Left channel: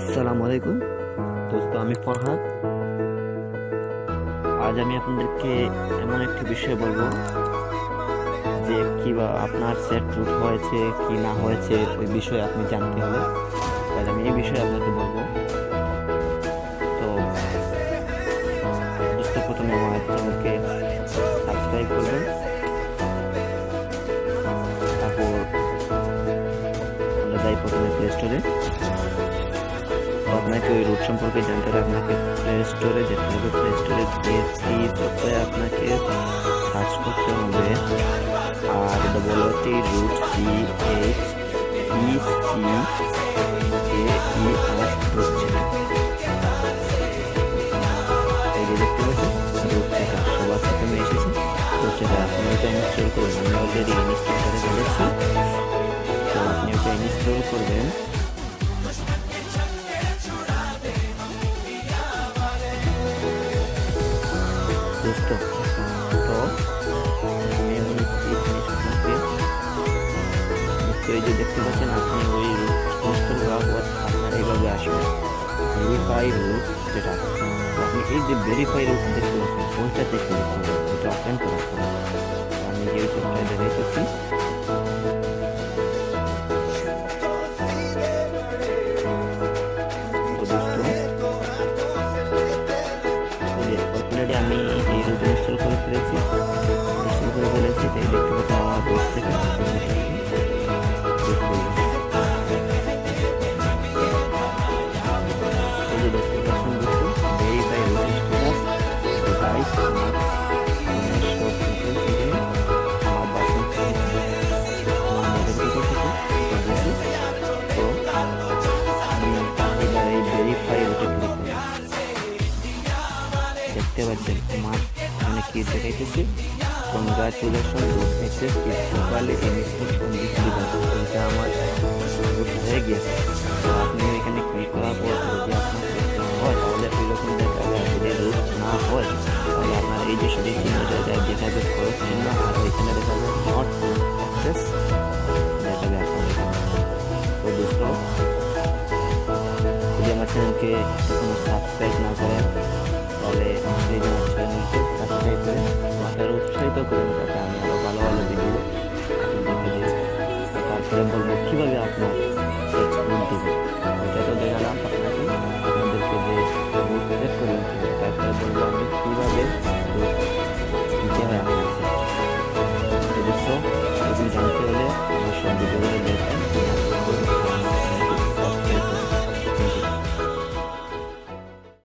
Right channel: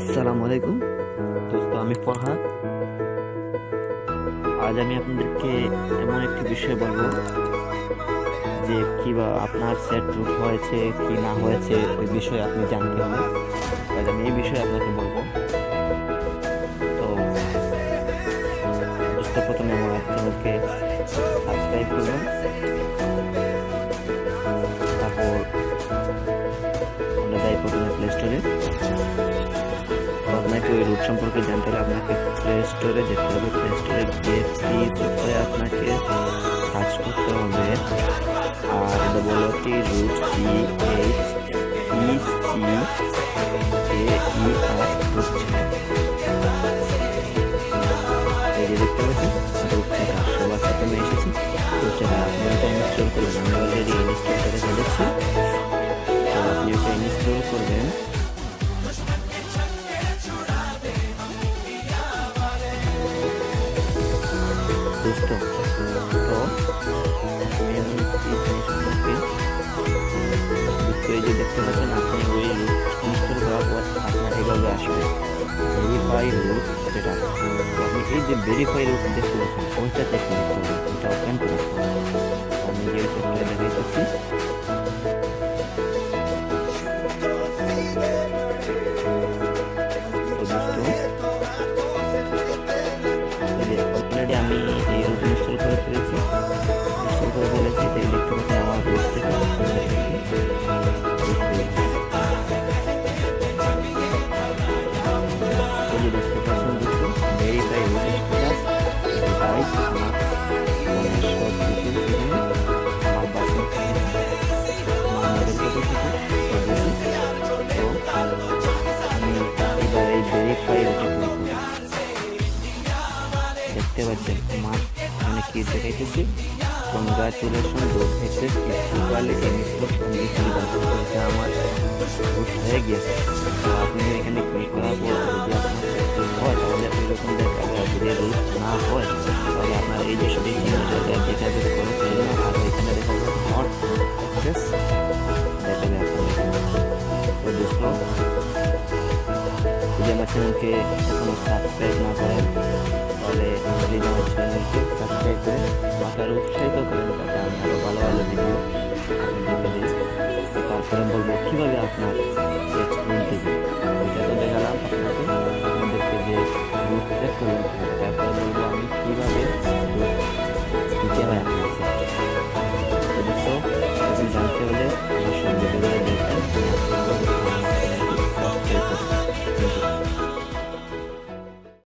আসসালামু আলাইকুম দোস্ত, আমি ফরহাদ। আজ আমি আপনাদেরকে এমন একটি বিষয় বলবো যে কিবা আপনার সেট রুট হয়েছে কি না হয়েছে ওই বিষয়ে আপনি জানতে হলে আজ আমি এই বিষয়ে আপনাকে বলবো। তো দোস্ত, প্রথমে আমার চ্যানেলকে সাবস্ক্রাইব করবেন, তারপর আমরা যাই প্রথমে প্লে স্টোরে। তো আপনাকে ওই রুট সম্পর্কে জানতে হলে আপনাকে প্লে স্টোরে যেতে হবে। প্লে স্টোরে গিয়ে প্লি সফটওয়্যার আপনাকে সার্চ করতে হবে ROOT রুট CHECAER রুট ছেটা। এই যে দেখতে পাচ্ছেন রুট ছেটা, সবার প্রথমে এসেছি রুট ছেটা। আপনি ওটা ইনস্টল করবেন, আমি অলরেডি ইনস্টল করে ফেলেছি। তো আপনি ওটা ইনস্টল করবেন। দোস্ত, তো আমি এমন একটি জিনিস আপনাকে দোস্ত, এই যে দেখতে পাচ্ছেন আপনি ওই রুট ইনস্টল করার পর আপনার এইভাবে আসবে ভেরিফাই রুট স্ট্যাটাস। তো আপনি এই যে ভেরিফাই রুট দেখতে পাচ্ছেন ওইটাতে ক্লিক করবেন, ওইটা ওপেন করার পর আমি যে সফটওয়্যার দেখাইতেছি। তো দোস্ত, অলরেডি আমি এই রুট ইনস্টল করে ফেলেছি। তাই দেখতে পাচ্ছেন আমার রুট থেকে এই যে দেখতে পাচ্ছেন দোস্ত ভেরিফাই রুট স্ট্যাটাস ডিভাইস। আমার ফোনের সব ডিটেলস এখানে, আমার বাসন আমার মডেল কোথায় থেকে দিয়েছি। তো আমি এবার এই ভেরিফাই রুটে ক্লিক করব। দেখতে পাচ্ছেন আমার এখানে কি দেখাইতেছি, congratulation root access is properly installed on this device. এটা আমার রুট হয়ে গিয়েছে। তো আপনি এখানে ক্লিক করার পর যদি আপনার রুট হয় তাহলে ওই রকম দেখাবে, আর যদি রুট না হয় তাহলে আপনার এই যে সঠিক চিহ্ন জায়গায় দেখাবে খরচ চিহ্ন, আর ওইখানে দেখাবে নট অ্যাক্সেস দেখাবে আপনার এখানে। তো দোস্ত, যদি আমার চ্যানেলকে এখনো সাবস্ক্রাইব না করেন তাহলে প্লিজ আমার চ্যানেলকে সাবস্ক্রাইব করে আমাকে আরও উৎসাহিত করেন, যাতে আমি আরও ভালো ভালো ভিডিও আপনাদেরকে দিই। তো তারপরে বলবো কীভাবে আপনার সেট রুট দেবেন, ওইটা তো দেখালাম আপনাকে, আপনাদেরকে যে রুট সেট করবেন কীভাবে। তারপরে বলবো আমি কীভাবে রুট দিতে হয় আপনার সেট। তো দোস্ত, এগুলো জানতে হলে আমার সব ভিডিওগুলো দেখবেন, আমার চ্যানেলকে সাবস্ক্রাইব করুন। Thank you.